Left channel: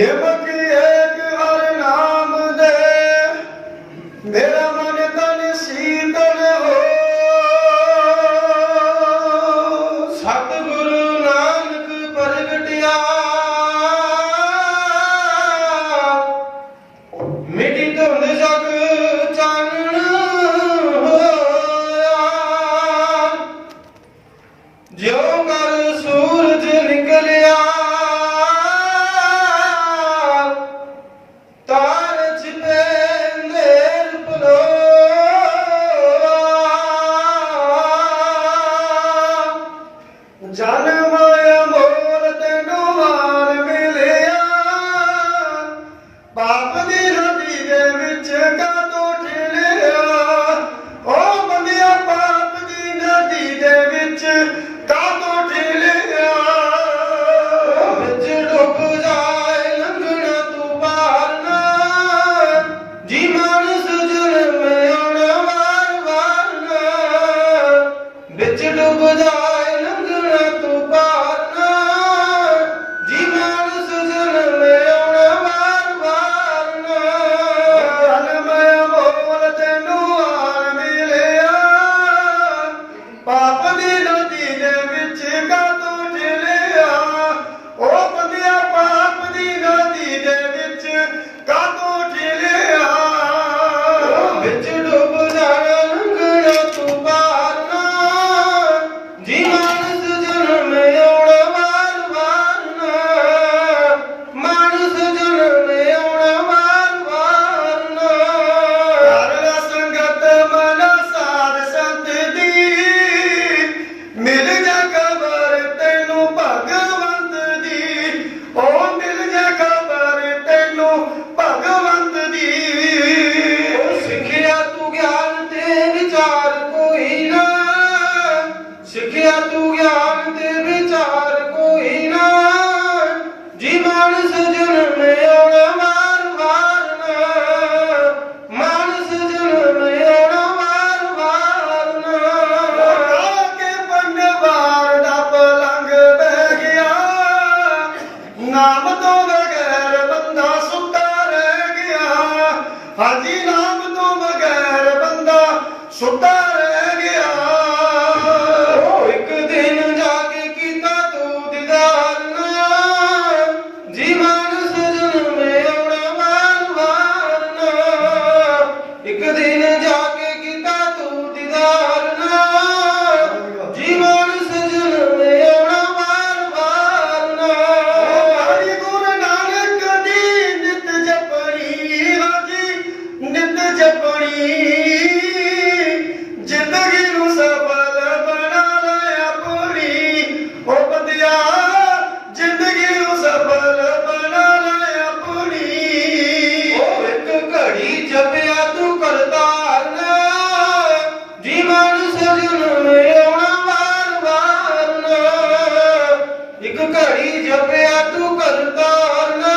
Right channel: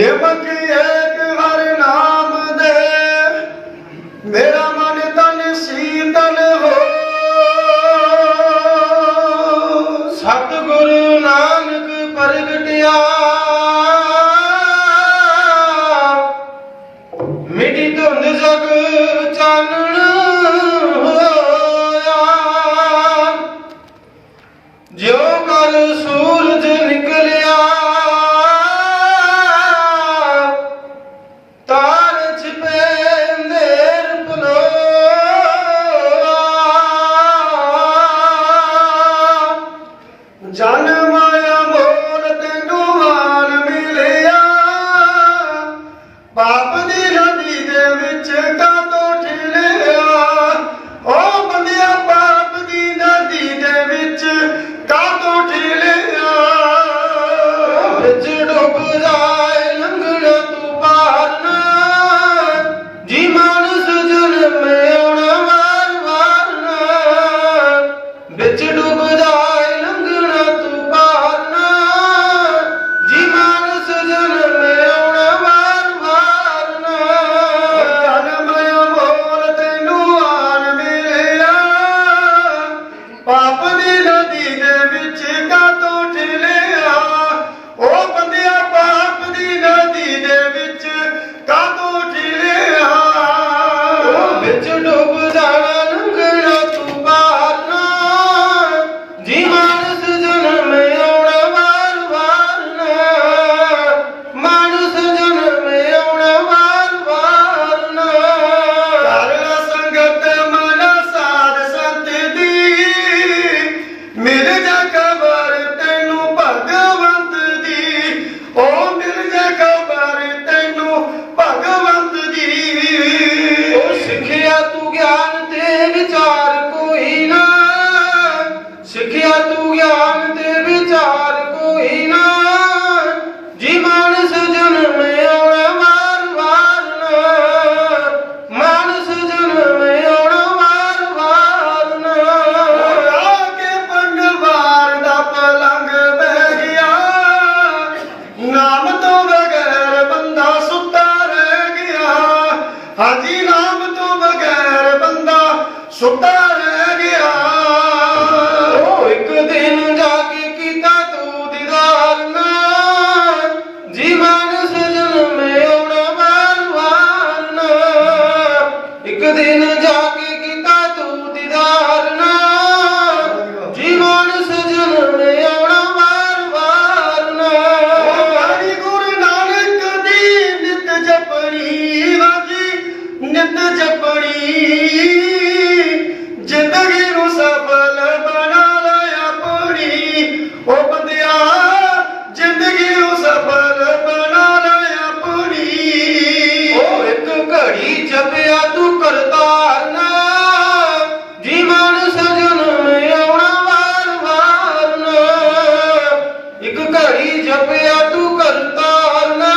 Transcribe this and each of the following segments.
ਨਿਮਕ ਏਕ ਹਰਿ ਨਾਮ ਦੇ, ਮੇਰਾ ਮਨ ਤਨ ਸੀਤਲ ਹੋ। ਸਤਿਗੁਰੂ ਨਾਨਕ ਪ੍ਰਗਟਿਆ, ਮਿਟੀ ਧੁੰਦ ਜਗ ਚਾਨਣ ਹੋਇਆ। ਜਿਉ ਕਰ ਸੂਰਜ ਨਿਕਲਿਆ, ਤਾਰ ਛਿਪੇ ਅੰਧੇਰ ਪਲੋਆ। ਜਨਮ ਅਮੋਲ ਤੈਨੂੰ ਹਾਰ ਮਿਲਿਆ, ਪਾਪ ਦੀ ਨਦੀ ਦੇ ਵਿੱਚ ਕਾਤੋਂ ਠਿਲਿਆ। ਓ ਬੰਦਿਆ ਪਾਪ ਦੀ ਨਦੀ ਦੇ ਵਿੱਚ ਕਾਤੋਂ ਠਿਲਿਆ। ਵਿੱਚ ਡੁੱਬ ਜਾਏ ਲੰਘਣਾ ਤੂੰ ਪਾਰ ਨਾ, ਜੀ ਮਾਨਸ ਜਨਮ ਆਉਣਾ ਵਾਰ ਵਾਰ ਨਾ। ਵਿੱਚ ਡੁੱਬ ਜਾਏ ਲੰਘਣਾ ਤੂੰ ਪਾਰ ਨਾ, ਜੀ ਮਾਨਸ ਜਨਮ ਆਉਣਾ ਵਾਰ ਵਾਰ ਨਾ। ਜਨਮ ਅਮੋਲ ਤੈਨੂੰ ਹਾਰ ਮਿਲਿਆ, ਪਾਪ ਦੀ ਨਦੀ ਦੇ ਵਿੱਚ ਕਾਤੋਂ ਠਿਲਿਆ। ਓ ਬੰਦਿਆ ਪਾਪ ਦੀ ਨਦੀ ਦੇ ਵਿੱਚ ਕਾਤੋਂ ਠਿਲਿਆ। ਵਿੱਚ ਡੁੱਬ ਜਾਣਾ ਲੰਘਣਾ ਤੂੰ ਪਾਰ ਨਾ, ਜੀ ਮਾਨਸ ਜਨਮ ਆਉਣਾ ਵਾਰ ਵਾਰ ਨਾ। ਮਾਨਸ ਜਨਮ ਆਉਣਾ ਵਾਰ ਵਾਰ ਨਾ। ਕਰਲਾ ਸੰਗਤ ਮਨ ਸਾਧ ਸੰਤ ਦੀ, ਮਿਲ ਜਾ ਖਬਰ ਤੈਨੂੰ ਭਗਵੰਤ ਦੀ। ਓ ਮਿਲ ਜਾ ਖਬਰ ਤੈਨੂੰ ਭਗਵੰਤ ਦੀ। ਉਹ ਸਿੱਖਿਆ ਤੂੰ ਗਿਆਨ ਤੇ ਵਿਚਾਰ ਕੋਈ ਨਾ, ਸਿੱਖਿਆ ਤੂੰ ਗਿਆਨ ਤੇ ਵਿਚਾਰ ਕੋਈ ਨਾ। ਜੀ ਮਾਨਸ ਜਨਮ ਆਉਣਾ ਵਾਰ ਵਾਰ ਨਾ, ਮਾਨਸ ਜਨਮ ਆਉਣਾ ਵਾਰ ਵਾਰ ਨਾ। ਆ ਕੇ ਪੰਗਵਾਰ ਦਾ ਪਲੰਗ ਬਹਿ ਗਿਆ, ਨਾਮ ਤੋਂ ਬਗੈਰ ਬੰਦਾ ਸੁੱਤਾ ਰਹਿ ਗਿਆ। ਹਾਜੀ ਨਾਮ ਤੋਂ ਬਗੈਰ ਬੰਦਾ ਸੁੱਤਾ ਰਹਿ ਗਿਆ। ਉਹ ਇੱਕ ਦਿਨ ਜਾ ਕੇ ਕੀਤਾ ਤੂੰ ਦੀਦਾਰ ਨਾ, ਜੀ ਮਾਨਸ ਜਨਮ ਆਉਣਾ ਵਾਰ ਵਾਰ ਨਾ। ਇੱਕ ਦਿਨ ਜਾ ਕੇ ਕੀਤਾ ਤੂੰ ਦੀਦਾਰ ਨਾ, ਜੀ ਮਾਨਸ ਜਨਮ ਆਉਣਾ ਵਾਰ ਵਾਰ ਨਾ। ਹਰੀ ਗੁਰੂ ਨਾਨਕ ਦੀ ਨਿਤ ਜਪਣੀ, ਹਾਜੀ ਨਿਤ ਜਪਣੀ। ਜ਼ਿੰਦਗੀ ਨੂੰ ਸਫਲ ਬਣਾ ਲੈ ਆਪਣੀ। ਓ ਬੰਦਿਆ ਜ਼ਿੰਦਗੀ ਨੂੰ ਸਫਲ ਬਣਾ ਲੈ ਆਪਣੀ। ਉਹ ਇੱਕ ਘੜੀ ਜਪਿਆ ਤੂੰ ਕਰਤਾਰ ਨਾ, ਜੀ ਮਾਨਸ ਜਨਮ ਆਉਣਾ ਵਾਰ ਵਾਰ ਨਾ। ਇੱਕ ਘੜੀ ਜਪਿਆ ਤੂੰ ਕਰਤਾਰ ਨਾ,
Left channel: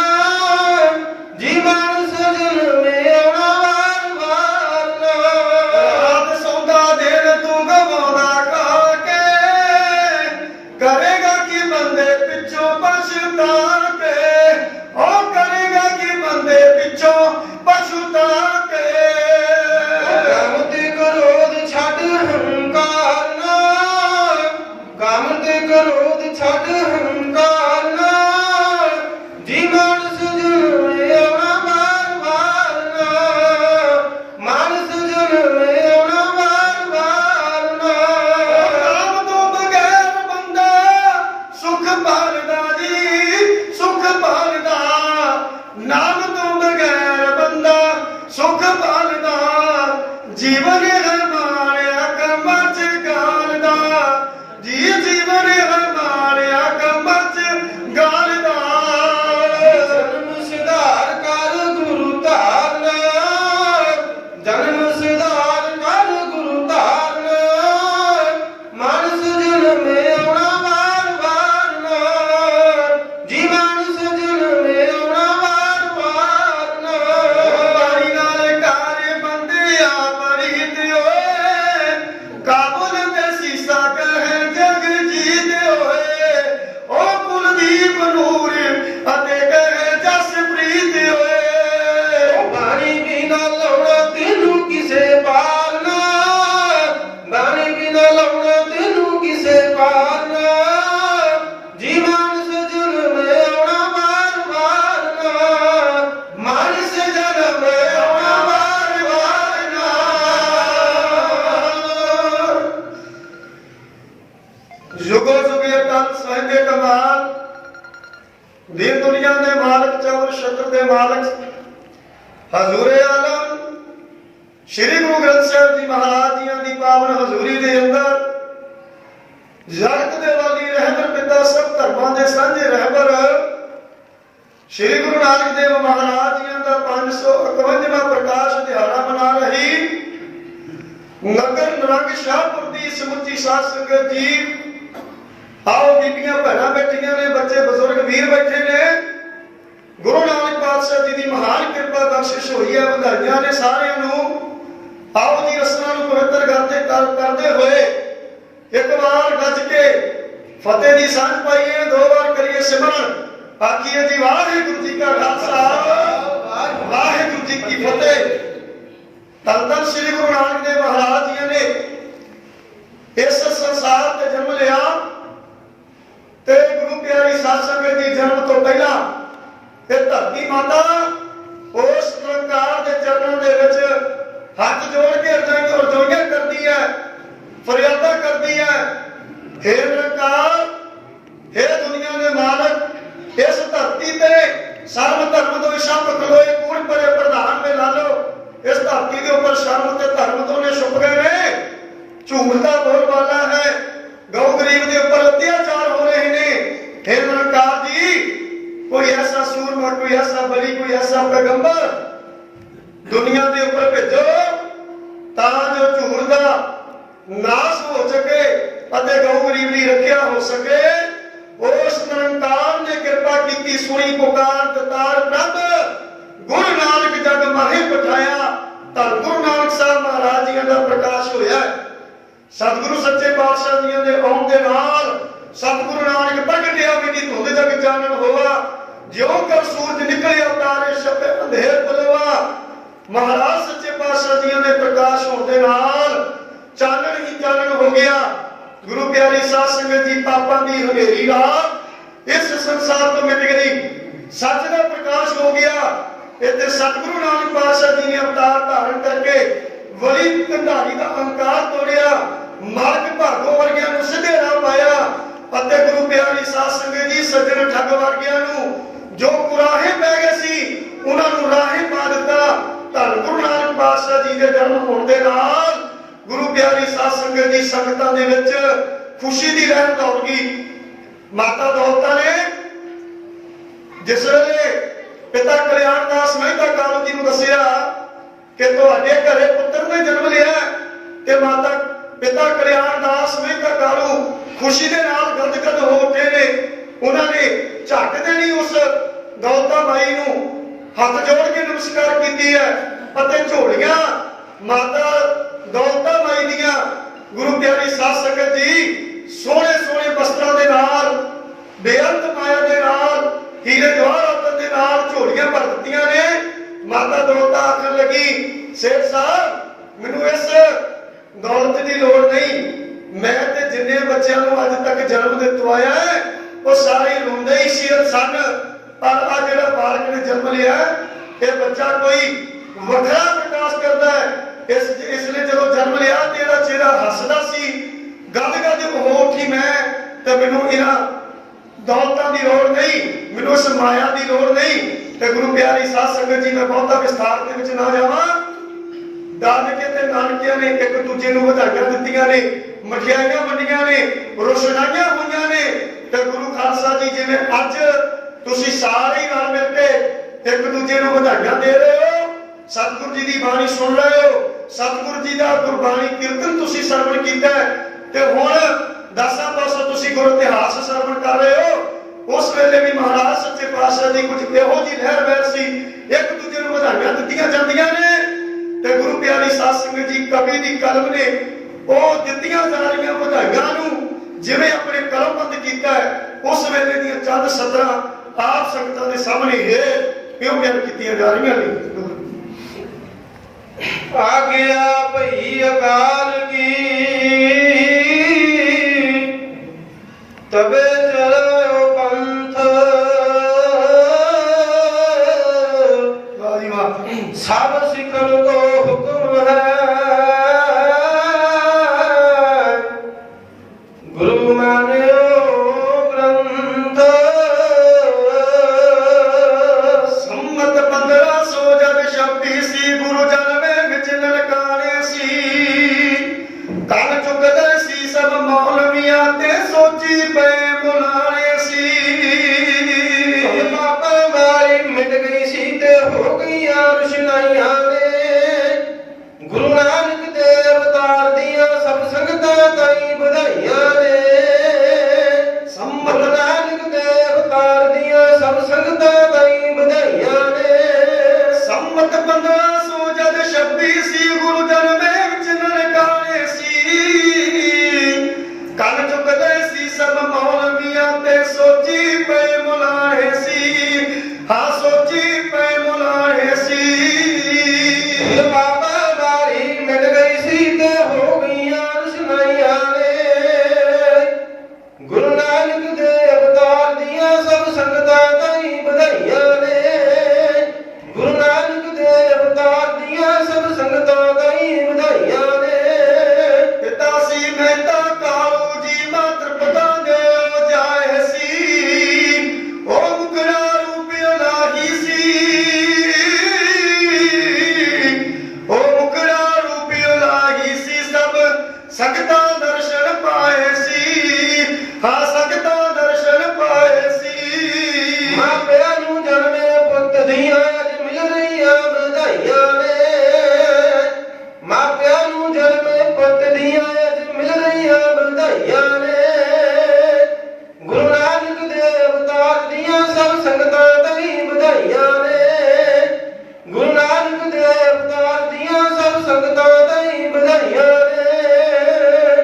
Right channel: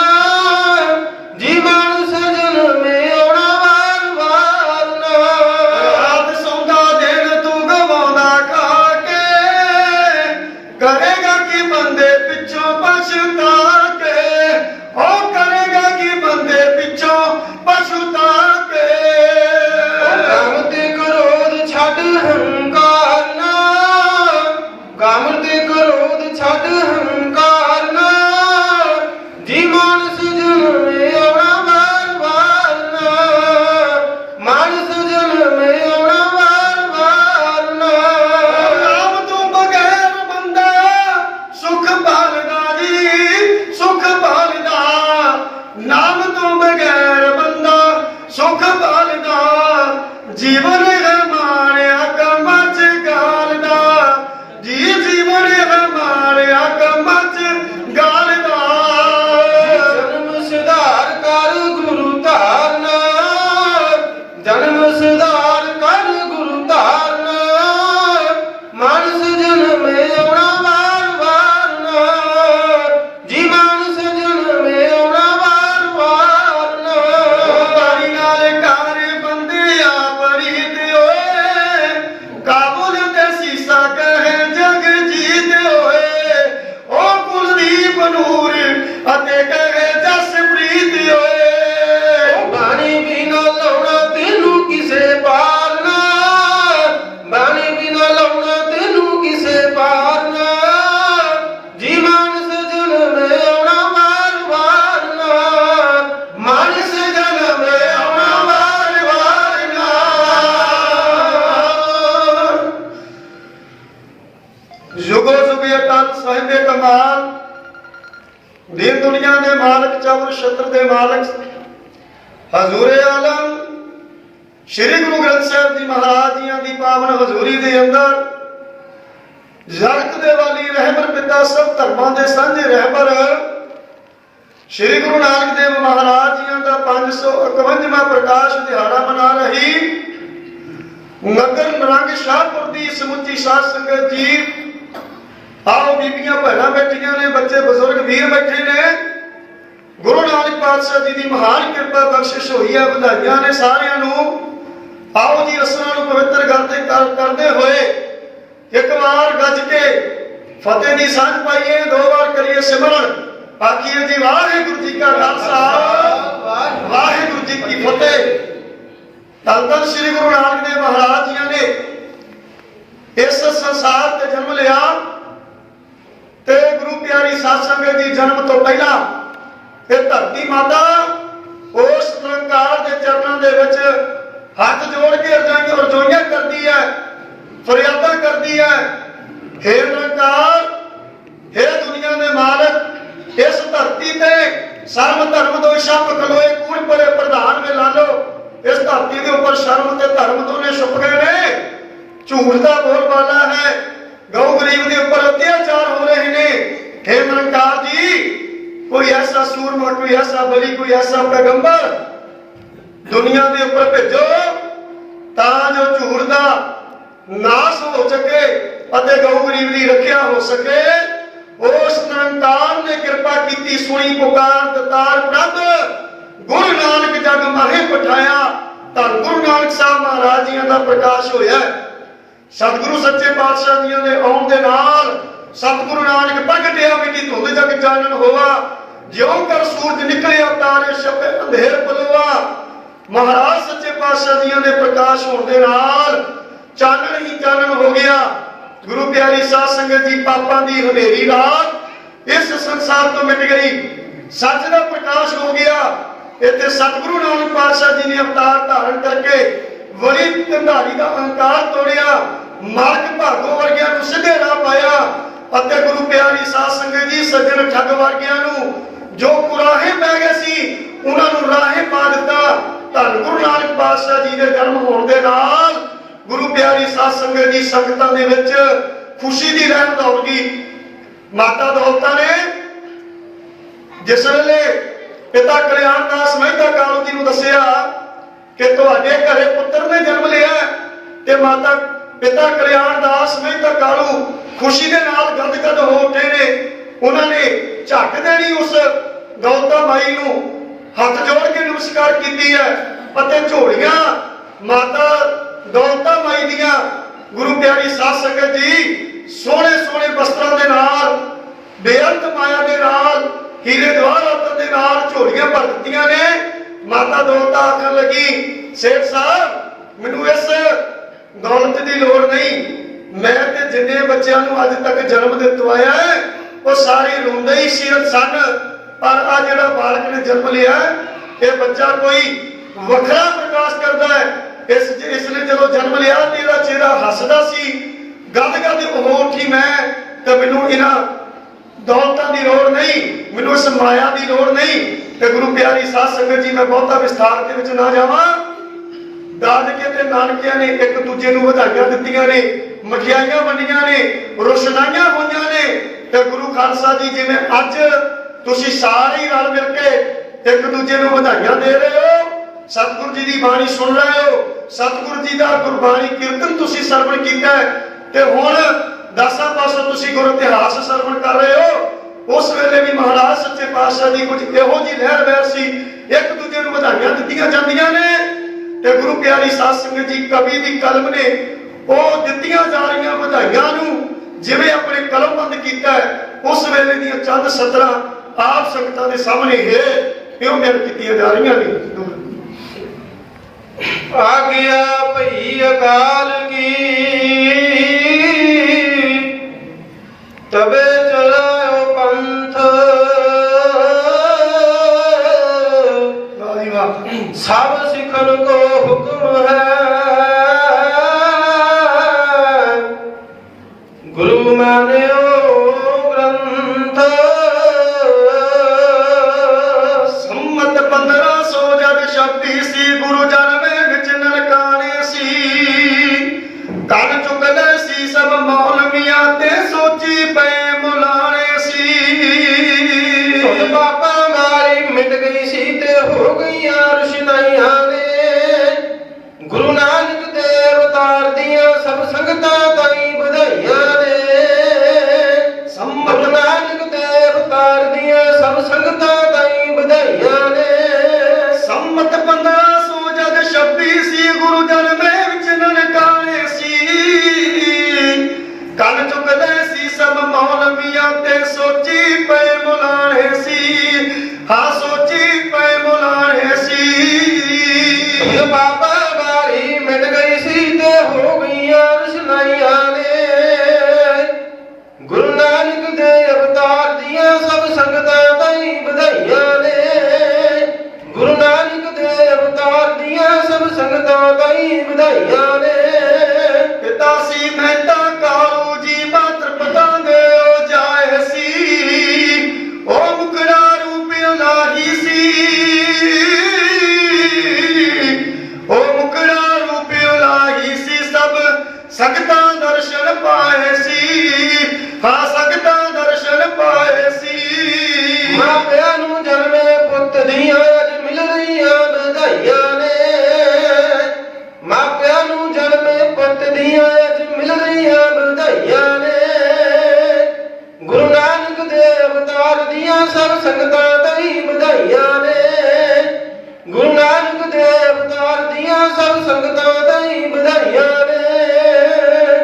ਜੀ ਮਾਨਸ ਜਨਮ ਆਉਣਾ ਵਾਰ ਵਾਰ ਨਾ। ਰਾਤ ਸੌਂਦਾ ਦਿਨ ਤੂੰ ਗਵਾਉਂਦਾ ਖਾ ਕੇ, ਕਰੇਗਾ ਕੀ ਬੰਦੇ ਪਿੱਛੋਂ ਪਛਤਾ ਕੇ। ਓ ਕਰੇਗਾ ਕੀ ਬੰਦੇ ਪਿੱਛੋਂ ਪਛਤਾ ਕੇ। ਕੰਮ ਤੇ ਕ੍ਰੋਧ ਛੱਡ ਹੰਕਾਰ ਨਾ, ਕੰਮ ਤੇ ਕ੍ਰੋਧ ਛੱਡ ਹੰਕਾਰ ਨਾ। दीन दुनिया दे मालक चौर छत्र दे मालक हजूरे आलम श्री गुरु ग्रंथ साहिब जी महाराज जी की पावन हजूरी दे अंदर जगत दे वाली रहबर पिता सब धर्मां दे सांझे रहबर श्री गुरु नानक देव महाराज जी का 551वां प्रकाश दिहाड़ा मना रही नगर नरंग शाहपुर की समुची साध संगत जी। आओ बीबियां भैणां बैठियां ने, बच्चे बुजुर्ग वीर बैठे ने। गुरु नानक पातशाह जी की महान कृपा बख्शिश हुई है, बधाइयां ने सारियां नूं। आओ जी रसना नूं पवित्र करते हुए एक बार गज के फतेह की सांझ पाइए, 2 बार करिए सिमरन। आखिए जी वाहिगुरू जी का खालसा वाहिगुरू जी की फतेह। धन धन श्री गुरु नानक देव महाराज जी ने इस संसार ते जन्म लिया ते गुरु प्यारी साध संगत जी जन्म तो पहला ये धरती माता उस निरंकार के चरणों के विच हाथ जोड़ के रजोइयां करती है, फरियादा करती है, हे निरंकार, हे दुनिया के मालक, इस धरती ते सर्व धर्म तो छप खलोए कूड़ परे प्रधान में ला लो। इस धरती के ऊपर शर्म ते धर्म तो ने छुप गए ने, झूठ का बोलबाला है, गौ गरीब के ऊपर अत्याचार हो रहे ने। हे निरंकार जी, कोई ऐसा सूरमा, कोई ऐसा बली, कोई ऐसा पैगंबर दुनिया के ऊपर भेजो तां जो झूठ का नाश हो सके अते गौ गरीब की रक्षा हो सके। उस निरंकार ने कृपा की, सुनी पुकार दतार प्रभ गुरु नानक जग माहे पठाया। धन गुरु नानक साहब महाराज जी का प्रकाश होया। सतगुरु सच्चे पातशाह जी के आउण दे नाल सतगुरु नानक प्रगटिया की धुंध जग चानन होवा। ज्यों कर सूरज निकलिया तारे छपे अंधेर बलोआ। महाराज सच्चे पातशाह जी के प्रकाश होने दे नाल चानन ही चानन हो गया। गुरु प्यारी साध संगत जी, पापां दी हनेरी रात इस संसार तो मिट गई, सच का प्रकाश हो गया। इत्थे सतगुरु नानक पातशाह जी ने अवतार धारण करके बड़ी कंधारी का अहंकार तोड़िया, मार्ग भागों वर्गियां नूं सीधे राह पाया अते गुरु प्यारी साध संगत जी सज्जन ठग वर्गियां नूं जो कुराहे पै गए सी उन्हां नूं राहे पा दिता। धन गुरु नानक पातशाह जी के जन्म होने दे नाल गुरु प्यारी साध संगत जी संगतां दे विच खुशी दी लहर दौड़ गई। माता दौलता ने जिस वेले पिता कल्याण दास मेहता कालू जी नूं दसिया कि तुहाडे घरे पुत्र ने जन्म लिया ते माता पिता कल्याण दास मेहता कालू खुशी दे नाल गदगद हो उठे ने। उन्होंने झट देनी उस दौलता माई नूं हथ जोड़ के नमस्कार की है अते झोलियां माता दौलता माई दियां गुरु प्यारी साध संगत जी सोहने सोहने वस्त्रां दे नाल बेअंत माया दे नाल हीरे गवाहरात दे नाल झोलियां भर दित्तियां ने। माता दौलता आखन लगी, सेठ साहब मैनूं इस दौलत की लोड़ नहीं, मैं ते जिन्ने बच्चों नूं अज तक जन्म दित्ता है वो सारे रोंदे ही सन, पर आ जिहड़ा बालक ने जन्म लिया ये बच्चा कोई वखरा प्रकाश करता है। इसने जदों जन्म लिया तेरा चेहरा हसदा सी, गद गद हो उठी मैं ते मैनूं इन्हां दौलतां दी लोड़ नहीं, मैनूं इस माया दी लोड़ नहीं। ते गुरु प्यारी साध संगत जी मैं बहुता विस्तार दे विच ना जावां। दादके ते नानकियां ने एक दूजे नूं ਵਧਾਈਆਂ ਦਿੱਤੀਆਂ ਨੇ, ਮਠਿਆਈਆਂ ਵੰਡੀਆਂ ਨੇ, ਰੋਸ਼ਨਾਈਆਂ ਹੋਈਆਂ ਨੇ ਤੇ ਗੁਰੂ ਖਾਲਸਾ ਜੀ ਜਿਵੇਂ ਅੱਜ ਤੁਸੀਂ ਸਾਰੇ ਰਲ ਮਿਲ ਕੇ ਇੱਕ ਦੂਜੇ ਨੂੰ ਵਧਾਈਆਂ ਦੇ ਰਹੇ ਹੋ, ਸਤਿਗੁਰੂ ਜੀ ਦੀ ਬਾਣੀ ਸੁਣ ਰਹੇ ਹੋ, ਸਤਿਗੁਰੂ ਜੀ ਦਾ ਗੁਰਬਾਣੀ ਕੀਰਤਨ ਤੁਸੀਂ ਸਰਵਣ ਕੀਤਾ ਤੇ ਹੁਣ ਦਸਾਂ ਪਾਸੋਂ ਤੁਸੀਂ ਗੁਰ ਇਤਿਹਾਸ ਸਰਵਣ ਕਰ ਰਹੇ ਹੋ। उस वेले भी महाराज सच्चे पातशाह जी कुछ इहो जी लहर वैर सी, एक दूजे नूं ਵਧਾਈਆਂ ਦਿੱਤੀਆਂ ਜਾਂਦੀਆਂ ਨੇ ते गुरु प्यारी साध संगत जी कवि दी कलम ने वो दित्तियां जा रहीआं ਵਧਾਈਆਂ ਨੂੰ जिवें अपने कलमबंद कीता है। उस वेले दी चंद सतरां आप संगतां दे सामने है क्यों बयान कीतियां जा रहीआं ने। आज्ञा भई अकाल की तबे चलो पंथ, सब सिखन को हुक्म है गुरु मान्यो ग्रंथ। ਸੰਗਤਾਂ ਤਾਈ ਵਧਾਈਆਂ ਨੇ। ਗੁਰੂ ਨਾਨਕ ਦੇ ਅਵਤਾਰ ਦੀਆਂ ਸਭ ਸੰਗਤਾਂ ਤਾਈ ਵਧਾਈਆਂ ਨੇ। ਪਿਤਾ ਸੀ ਮਹਿਤਾ ਕਾਲੂ ਜੀ ਮਾਤਰ ਪਤਾ ਦੇ ਉਹ ਜਾਏ ਸੀ, ਉਹ ਮੁਕੜਾ ਰੂਪ ਇਲਾਹੀ ਸੀ, ਉਹ ਮੁਕੜਾ ਰੂਪ ਇਲਾਹੀ ਸੀ। ਸਭ ਸੰਗਤਾਂ ਦਰਸ਼ਨ ਪਾਏ ਸੀ, ਹਾਂ ਸੰਗਤਾਂ ਦਰਸ਼ਨ ਪਾਏ ਸੀ। ਮਾਪਿਆਂ ਨੂੰ ਜਨਮੇ ਪੁੱਤ ਦੀਆਂ ਅੱਜ ਮਿਲ ਰਹੀਆਂ ਵਧਾਈਆਂ ਨੇ। ਮਾਪਿਆਂ ਨੂੰ ਜਨਮੇ ਪੁੱਤ ਦੀਆਂ ਅੱਜ ਮਿਲ ਰਹੀਆਂ ਵਧਾਈਆਂ ਨੇ। ਗੁਰੂ ਨਾਨਕ ਦੇ ਅਵਤਾਰ ਦੀਆਂ ਸਭ ਸੰਗਤਾਂ ਤਾਈ ਵਧਾਈਆਂ ਨੇ। ਗੁਰੂ ਨਾਨਕ ਦੇ ਅਵਤਾਰ ਦੀਆਂ ਸਭ ਸੰਗਤਾਂ ਤਾਈ ਵਧਾਈਆਂ ਨੇ।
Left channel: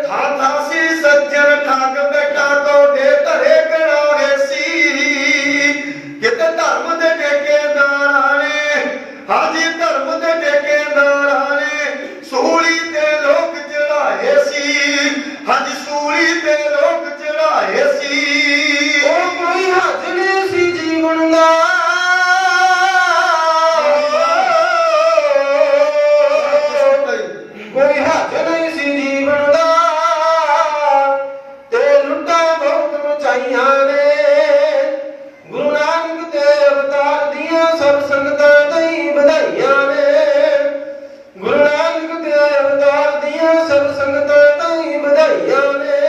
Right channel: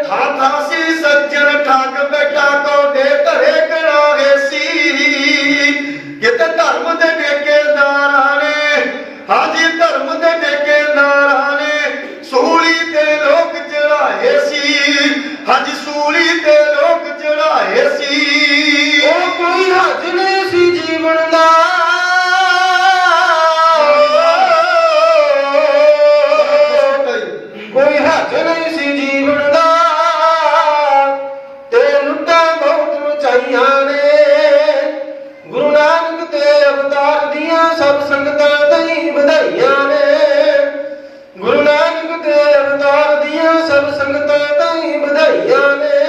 ਥਾਂ ਥਾਂ ਸੀ ਸੱਜਣ ਠੱਗ ਬੇਟਾ ਕੋਡੇ ਘਰੇ ਕਰਾਏ ਸੀ। ਕਿਤੇ ਧਰਮ ਦੇ ਠੇਕੇਦਾਰਾਂ ਨੇ, ਹਾਜੀ ਧਰਮ ਦੇ ਠੇਕੇਦਾਰਾਂ ਨੇ ਸੂਲੀ ਤੇ ਲੋਕ ਚੜਾਏ ਸੀ, ਹਾਜੀ ਸੂਲੀ ਤੇ ਲੋਕ ਚੜਾਏ ਸੀ। ਉਹ ਕੋਈ ਹੱਥ ਨਹੀਂ ਸੀ ਜੀਵਨ ਦਾ, ਕੋਈ ਹੱਥ ਨਹੀਂ ਸੀ ਜੀਵਨ ਦਾ, ਤੇ ਲੁੱਟਾਂ ਬਹੁਤ ਮਚਾਈਆਂ ਨੇ। ਗੁਰੂ ਨਾਨਕ ਦੇ ਅਵਤਾਰ ਦੀਆਂ ਸਭ ਸੰਗਤਾਂ ਤਾਈ ਵਧਾਈਆਂ ਨੇ। ਗੁਰੂ ਨਾਨਕ ਦੇ ਅਵਤਾਰ ਦੀਆਂ ਸਭ ਸੰਗਤਾਂ ਤਾਈ ਵਧਾਈਆਂ ਨੇ।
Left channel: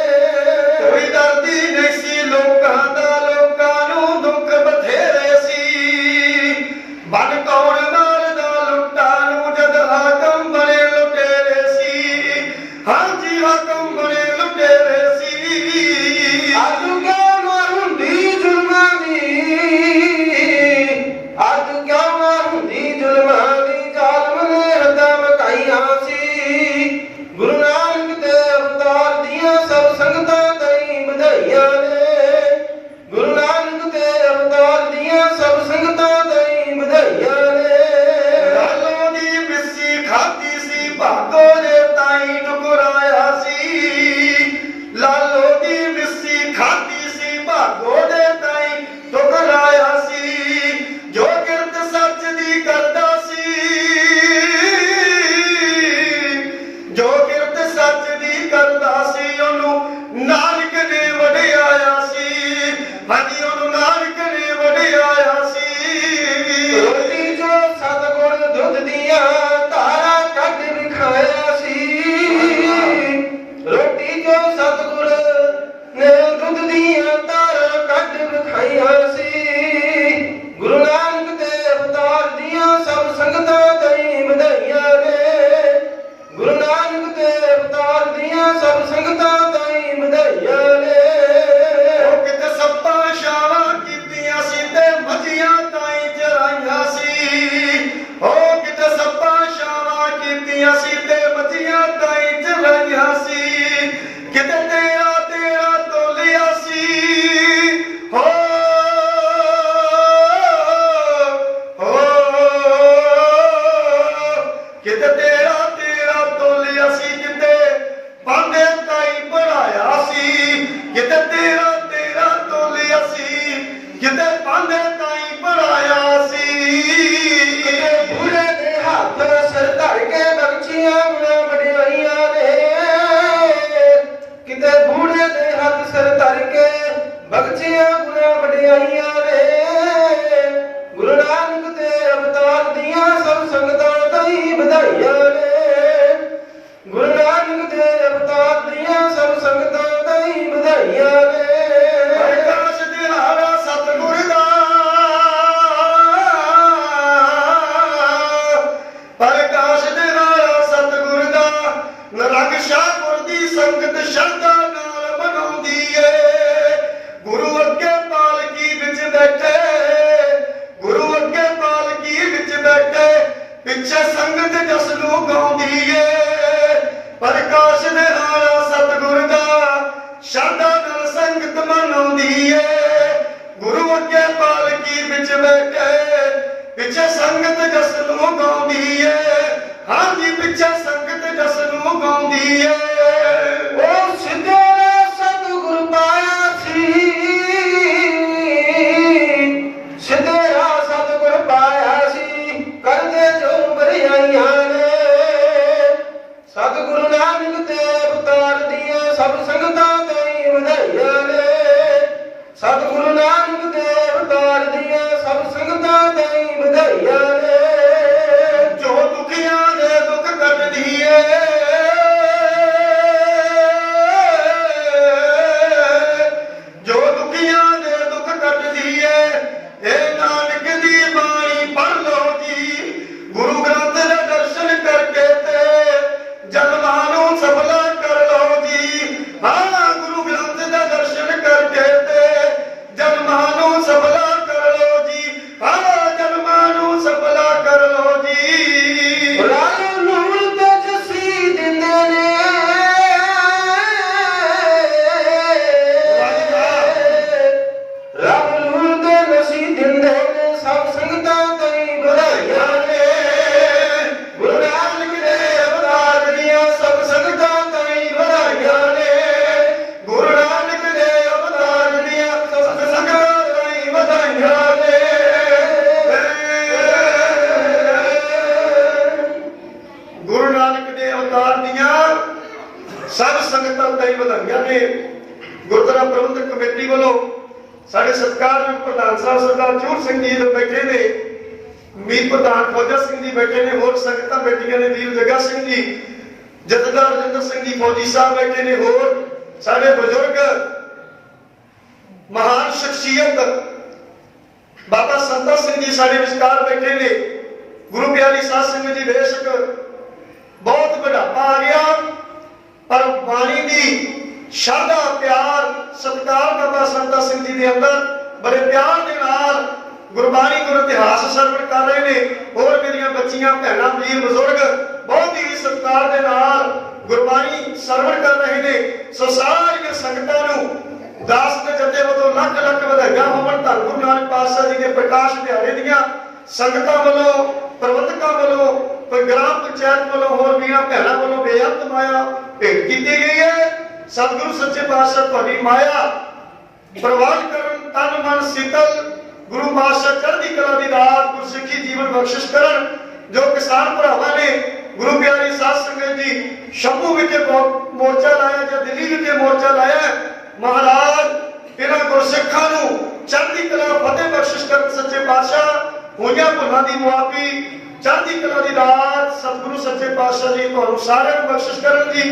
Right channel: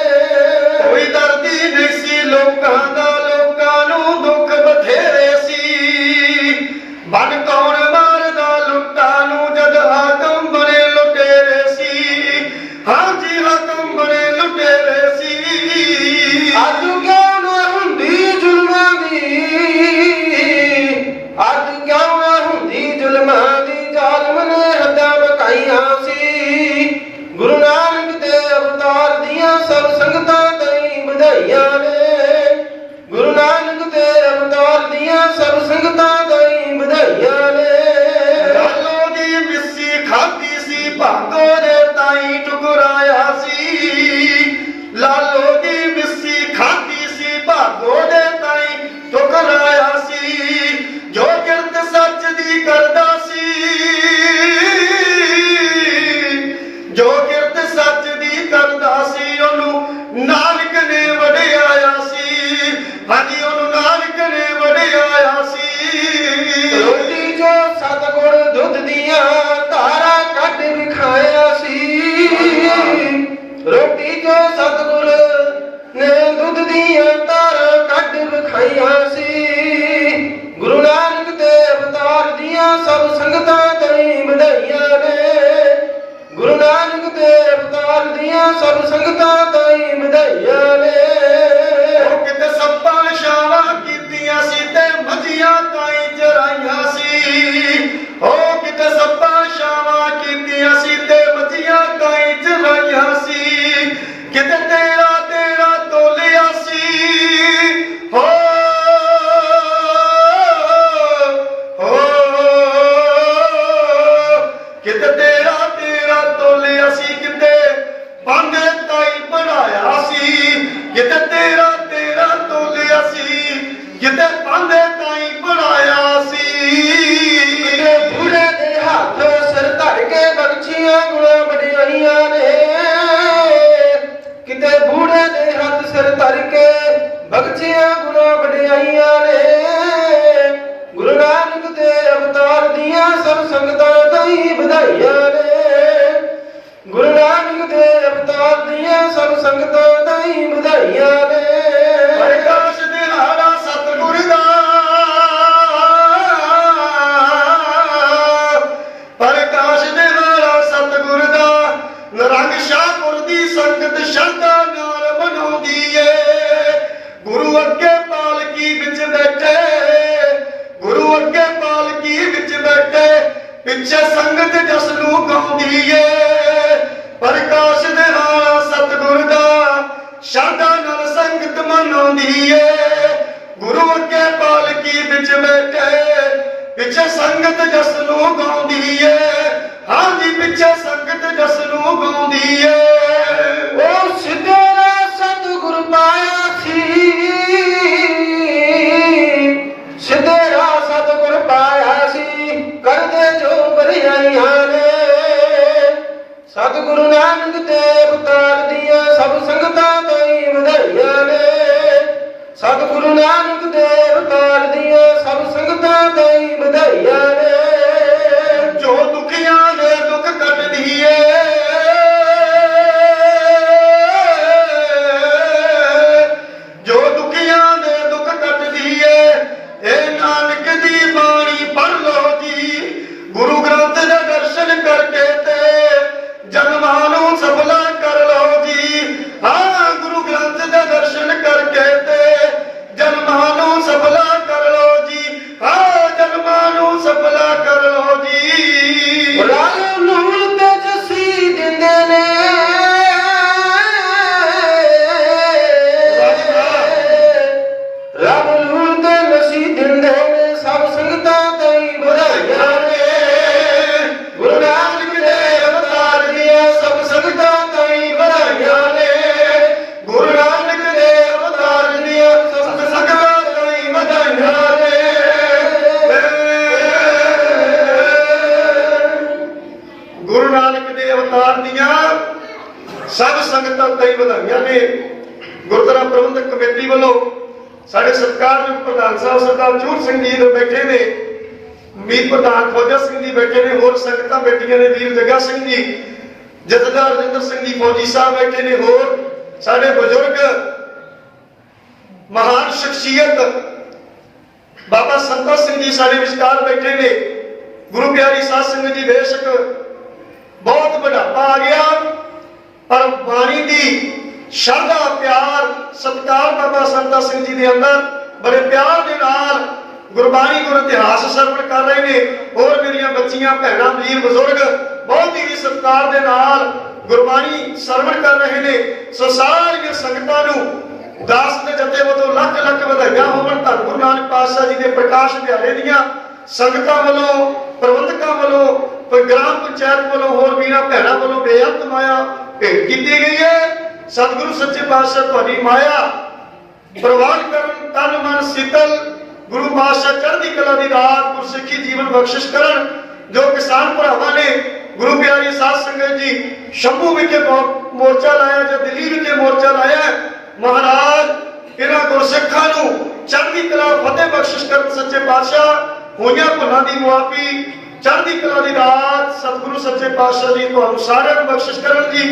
ਕੋਈ ਦਰਦੀ ਨਹੀਂ ਸੀ ਲੋਕਾਂ ਦਾ, ਲੋਕਾਂ ਨੂੰ ਦੁੱਖ ਬਥੇਰੇ ਸੀ। ਬਨ ਕੌਣ ਮਾਰਦਾ ਲੁੱਟਾਂ ਨੂੰ ਜਦ ਹਾਕਮ ਬਣੇ ਲੁਟੇਰੇ ਸੀ, ਹਾਂਜੀ ਹਾਕਮ ਬਣੇ ਲੁਟੇਰੇ ਸੀ। ਅੱਜ ਕਿਉਂ ਨਾ ਹੁੰਦੀ ਜ਼ੁਲਮਾਂ ਦੀ, ਅੱਜ ਕਿਉਂ ਨਾ ਹੁੰਦੀ ਜ਼ੁਲਮਾਂ ਦੀ, ਜ਼ਾਲਮ ਨੇ ਹੱਦਾਂ ਬਕਾਈਆਂ ਸੀ। ਗੁਰੂ ਨਾਨਕ ਦੇ ਅਵਤਾਰ ਦੀਆਂ ਸਭ ਸੰਗਤਾਂ ਤਾਈ ਵਧਾਈਆਂ ਨੇ। ਗੁਰੂ ਨਾਨਕ ਦੇ ਅਵਤਾਰ ਦੀਆਂ ਸਭ ਸੰਗਤਾਂ ਤਾਈ ਵਧਾਈਆਂ ਨੇ। ਲਾਲੋ ਦੀ ਮਿੱਸੀ ਖਾਧੀ ਸੀ, ਭਾਗੋ ਦੇ ਤਾਈ ਟੁਕਰਾਇਆ ਸੀ। ਲਾਲੋ ਦੀ ਮਿੱਸੀ ਖਾਧੀ ਸੀ, ਭਾਗੋ ਦੇ ਤਾਈ ਟੁਕਰਾਇਆ ਸੀ। ਜੋ ਕਿਰਤ ਸੱਚ ਦੀ ਕਰਦਾ ਸੀ, ਜੋ ਕਿਰਤ ਸੱਚ ਦੀ ਕਰਦਾ ਸੀ, ਉਹਨੂੰ ਨਾਨਕ ਨੇ ਵਡਿਆਇਆ ਸੀ, ਹਾਂਜੀ ਉਹਨੂੰ ਨਾਨਕ ਨੇ ਵਡਿਆਇਆ ਸੀ। ਰੋਟੀ ਜੋ ਸਤਿਗੁਰ ਦੁੱਧ ਦੀਆਂ ਧਾਰਾਂ ਕੱਢ ਵਿਖਾਇਆ ਸੀ। ਰੋਟੀ ਜੋ ਸਤਿਗੁਰ ਨੇ ਦੁੱਧ ਦੀਆਂ ਧਾਰਾਂ ਕੱਢ ਵਿਖਾਈਆਂ ਸੀ। ਗੁਰੂ ਨਾਨਕ ਦੇ ਅਵਤਾਰ ਦੀਆਂ ਸਭ ਸੰਗਤਾਂ ਤਾਈ ਵਧਾਈਆਂ ਨੇ। ਗੁਰੂ ਨਾਨਕ ਦੇ ਅਵਤਾਰ ਦੀਆਂ ਸਭ ਸੰਗਤਾਂ ਤਾਈ ਵਧਾਈਆਂ ਨੇ। ਉਹ ਕਿਤੇ ਸੱਪਾਂ ਛਾਵਾਂ ਕੀਤੀਆਂ ਸੀ ਤੇ ਮੱਝੀਆਂ ਤਾਈ ਚਰਾਈਆਂ ਸੀ। ਉਹ ਕਿਤੇ ਸੱਪਾਂ ਛਾਵਾਂ ਕੀਤੀਆਂ ਸੀ ਤੇ ਮੱਝੀਆਂ ਤਾਈ ਚਰਾਈਆਂ ਸੀ। ਕਿਤੇ ਤੇਰਾ ਤੇਰਾ ਤੋਲਿਆ ਸੀ, ਹੋ ਕਿਤੇ ਤੇਰਾ ਤੇਰਾ ਤੋਲਿਆ ਸੀ, ਕਿਤੇ ਬਾਂਦੇ ਤਾਈ ਬਣਾਇਆ ਸੀ। ਕਿਤੇ ਤੇਰਾ ਤੇਰਾ ਤੋਲਿਆ ਸੀ, ਕਿਤੇ ਬਾਂਦੇ ਤਾਈ ਬਣਾਇਆ ਸੀ। ਕਿਤੇ ਬੁੜੇ ਦੇ ਹੱਥ ਸਿਰ ਧਰ ਕੇ ਬਖਸ਼ੀਆਂ ਗੁਣਾ ਵਡਿਆਈਆਂ ਨੇ। ਕਿਤੇ ਬੁੜੇ ਦੇ ਹੱਥ ਸਿਰ ਧਰ ਕੇ ਬਖਸ਼ੀਆਂ ਗੁਣਾ ਵਡਿਆਈਆਂ ਨੇ। ਗੁਰੂ ਨਾਨਕ ਦੇ ਅਵਤਾਰ ਦੀਆਂ ਸਭ ਸੰਗਤਾਂ ਤਾਈ ਵਧਾਈਆਂ ਨੇ। ਗੁਰੂ ਨਾਨਕ ਦੇ ਅਵਤਾਰ ਦੀਆਂ ਸਭ ਸੰਗਤਾਂ ਤਾਈ ਵਧਾਈਆਂ ਨੇ। ਪ੍ਰਕਾਸ਼ ਦਿਹਾੜਾ ਸਤਿਗੁਰ ਦਾ, ਪ੍ਰਕਾਸ਼ ਦਿਹਾੜਾ ਸਤਿਗੁਰ ਦਾ, ਨਿਰੰਗ ਸ਼ਾਹਪੁਰ ਦੀ ਸੰਗਤ ਸ਼ਰਧਾ ਨਾਲ ਮਨਾਉਂਦੀ ਏ। ਗੁਰੂ ਅੱਗੇ ਪਾਲਕੀ ਵਿੱਚ ਬੈਠੇ, ਗੁਰੂ ਅੱਗੇ ਪਾਲਕੀ ਵਿੱਚ ਬੈਠੇ, ਪਿੱਛੇ ਸੰਗਤ ਜਸ ਨੂੰ ਗਾਉਂਦੀ ਏ। ਪ੍ਰਕਾਸ਼ ਦਿਹਾੜਾ ਸਤਿਗੁਰ ਦਾ, ਸ਼ਰਧਾ ਨਾਲ ਸੰਗਤ ਮਨਾਉਂਦੀ ਏ। ਗੁਰੂ ਅੱਗੇ ਪਾਲਕੀ ਵਿੱਚ ਬੈਠੇ, ਪਿੱਛੇ ਸੰਗਤ ਜਸ ਨੂੰ ਗਾਉਂਦੀ ਏ। ਹਾਂਜੀ ਪਿੱਛੇ ਸੰਗਤ ਜਸ ਨੂੰ ਗਾਉਂਦੀ ਏ। ਉਹ ਸਿੱਧੇ ਸਤਿਗੁਰ ਪਾਇਆ ਸੀ। ਵਧਾਈਆਂ ਨੇ। ਸਤਿਗੁਰੂ ਨਾਨਕ ਦੇਵ ਕਾਲ ਦੀਆਂ ਸਭ ਸੰਗਤਾਂ ਤਾਈਂ ਵਧਾਈਆਂ ਨੇ। ਸਤਿਗੁਰੂ ਨਾਨਕ ਦੇਵ ਕਾਲ ਦੀਆਂ ਸਭ ਸੰਗਤਾਂ ਤਾਈਂ ਵਧਾਈਆਂ ਨੇ। ਜੋ ਦੁਖੀਆਂ ਦੇ ਦੁੱਖ ਕੱਟਦੀ ਏ, ਜੋ ਦੁਖੀਆਂ ਦੇ ਦੁੱਖ ਕੱਟਦੀ ਏ, ਇਹ ਨਾਨਕ ਦੀ ਬਾਣੀ ਪੜ੍ਹ ਲਓ ਜੀ। ਗੁਰੂ ਗ੍ਰੰਥ ਦੇ ਦਰਸ਼ਨ ਕਰਕੇ ਤੇ ਜਨਮਾਂ ਨੂੰ ਸਫਲਾ ਕਰ ਲਓ ਜੀ। ਹਾਂ, ਗੁਰੂ ਗ੍ਰੰਥ ਦੇ ਦਰਸ਼ਨ ਕਰਕੇ ਤੇ ਜਨਮਾਂ ਨੂੰ ਸਫਲਾ ਕਰ ਲਓ ਜੀ। ਹਾਂ, ਜਨਮਾਂ ਨੂੰ ਸਫਲਾ ਕਰ ਲਓ ਜੀ। ਰਲ ਨੂਰ ਤੇ ਜੱਸੀ ਦਿੰਦੇ ਨੇ। ਰੱਬ ਨੂਰ ਤੇ ਨਸੀ ਦਿੰਦੇ ਨੇ। ਸਭ ਸੰਗਤਾਂ ਤਾਈਂ ਵਧਾਈਆਂ ਨੇ। ਗੁਰੂ ਨਾਨਕ ਦੇ ਅਵਤਾਰ ਦੀਆਂ ਸਭ ਸੰਗਤਾਂ ਤਾਈਂ ਵਧਾਈਆਂ ਨੇ। ਗੁਰੂ ਨਾਨਕ ਦੇ ਅਵਤਾਰ ਦੀਆਂ ਸਭ ਸੰਗਤਾਂ ਤਾਈਂ ਵਧਾਈਆਂ ਨੇ। ਗੁਰੂ ਨਾਨਕ ਦੇ ਅਵਤਾਰ ਦੀਆਂ ਸਭ ਸੰਗਤਾਂ ਤਾਈਂ ਵਧਾਈਆਂ ਨੇ। ਗੁਰਦੁਆਰਾ ਪ੍ਰਬੰਧਕ ਕਮੇਟੀ ਵੱਲੋਂ ਸਾਡੇ ਸਤਿਕਾਰਯੋਗ ਪ੍ਰਧਾਨ ਸਾਹਿਬ ਸਰਦਾਰ ਚੂਰ ਸਿੰਘ ਜੀ ਦੇ ਬੈਠੇ ਨੇ, ਮੀਤ ਪ੍ਰਧਾਨ ਖੋਜਾ ਸਿੰਘ ਜੀ ਬੈਠੇ ਨੇ, ਹੋਰ ਸੰਗਤਾਂ ਬੈਠੀਆਂ ਨੇ, ਵੀਰ ਜੱਗਾ ਸਿੰਘ ਜੀ, ਜਥੇਦਾਰ ਰਜਿੰਦਰ ਸਿੰਘ ਜੀ ਫੌਜੀ ਸਾਹਿਬ ਬੈਠੇ ਨੇ, ਹੋਰ ਸਾਡੇ ਬਜ਼ੁਰਗ ਮਹਾਨ ਸ਼ਖਸੀਅਤ ਬਾਬਾ ਸੰਤਾ ਸਿੰਘ ਜੀ ਸਾਡੇ ਵਿਚਕਾਰ ਬੈਠੇ ਨੇ। ਗੁਰੂ ਪਿਆਰੀ ਸਾਧ ਸੰਗਤ ਜੀ, ਬੇਸ਼ੱਕ ਬਹੁਤ ਬੁਢਾਪਾ ਆ ਗਿਆ, ਪਰ ਬਾਣੀ ਦੀ ਸ਼ਰਧਾ, ਪਿਆਰ, ਸਤਿਕਾਰ ਬਾਬਾ ਸੰਤਾ ਸਿੰਘ ਜੀ ਦੇ ਅੰਦਰ ਬੜੇ ਪਿਆਰ ਦੇ ਨਾਲ ਗੁਰਬਾਣੀ ਗੁਰ ਇਤਿਹਾਸ ਸਰਵਣ ਕਰ ਰਹੇ ਨੇ। ਹੋਰ ਮੇਰੀਆਂ ਬੱਚੀਆਂ, ਭੈਣਾਂ, ਵੀਰ, ਬਜ਼ੁਰਗ ਬਹੁਤ ਹੀ ਸਤਿਕਾਰ ਦੇ ਨਾਲ ਗੁਰਬਾਣੀ ਸਰਵਣ ਕਰ ਰਹੇ ਨੇ। ਸੋ ਸਾਰੀਆਂ ਸੰਗਤਾਂ ਨੂੰ ਦਾਸ ਦੇ ਜਥੇ ਵੱਲੋਂ ਲੱਖ ਲੱਖ ਵਧਾਈਆਂ ਹੋਣ। ਧੰਨ ਗੁਰੂ ਨਾਨਕ ਪਾਤਸ਼ਾਹ ਜੀ ਦੇ ਪ੍ਰਕਾਸ਼ ਦਿਹਾੜੇ ਦੀਆਂ ਸੰਗਤਾਂ ਵੱਲੋਂ, ਪ੍ਰਬੰਧਕਾਂ ਵੱਲੋਂ, ਗ੍ਰਾਮ ਪੰਚਾਇਤ ਵੱਲੋਂ, ਹੋਰ ਵੀਰਾਂ ਭੈਣਾਂ ਵੱਲੋਂ ਬੇਅੰਤ ਮਾਇਆ ਭੇਟ ਕੀਤੀ ਗਈ ਹੈ। ਸਤਿਗੁਰੂ ਸੱਚੇ ਪਾਤਸ਼ਾਹ ਤੁਹਾਡੀ ਮਾਇਆ ਪ੍ਰਵਾਨ ਕਰਨ, ਤਨ ਮਨ ਸੀਤਲ, ਗੁਰੂ ਪਾਤਸ਼ਾਹ ਚੜ੍ਹਦੀ ਕਲਾ ਦੀ ਦਾਤ, ਗੁਰਸਿੱਖੀ ਜੀਵਨ ਬਖਸ਼ਿਸ਼ ਕਰਨ। ਜੋ ਕਿਸਾਨ ਭਰਾਵਾਂ ਨੇ ਗੁਰੂ ਪਿਆਰੀ ਸਾਧ ਸੰਗਤ ਜੀ ਸ਼ੰਭੂ ਵਿਖੇ ਮੋਰਚਾ ਲਾਇਆ ਜਾਂ ਦਿੱਲੀ ਵਿਖੇ ਮੋਰਚਾ ਲਾਇਆ, ਮਹਾਰਾਜ ਇਹਨਾਂ ਗੁਰਸਿੱਖਾਂ ਨੂੰ ਚੜ੍ਹਦੀ ਕਲਾ, ਫਤਿਹ ਬਖਸ਼ਿਸ਼ ਕਰਨ। ਸੱਚੇ ਪਾਤਸ਼ਾਹ ਹੋਈਆਂ ਭੁੱਲਾਂ ਦੀ ਮੁਆਫੀ, ਚੜ੍ਹਦੀ ਕਲਾ ਦੀ ਦਾਤ ਸਤਿਗੁਰੂ ਸੱਚੇ ਪਾਤਸ਼ਾਹ ਜੀ ਤੁਹਾਨੂੰ ਸਾਰਿਆਂ ਨੂੰ ਬਖਸ਼ਿਸ਼ ਕਰਨ ਜੀ।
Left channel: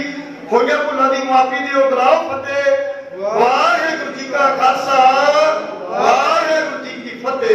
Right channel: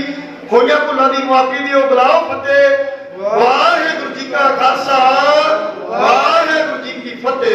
ਹੋਈਆਂ ਭੁੱਲਾਂ ਦੀ ਮੁਆਫੀ ਦੀ ਉਹ ਬੁਲਾਓ ਫਤਿਹ। ਵਾਹਿਗੁਰੂ ਜੀ ਕਾ ਖਾਲਸਾ, ਵਾਹਿਗੁਰੂ ਜੀ ਕੀ ਫਤਿਹ।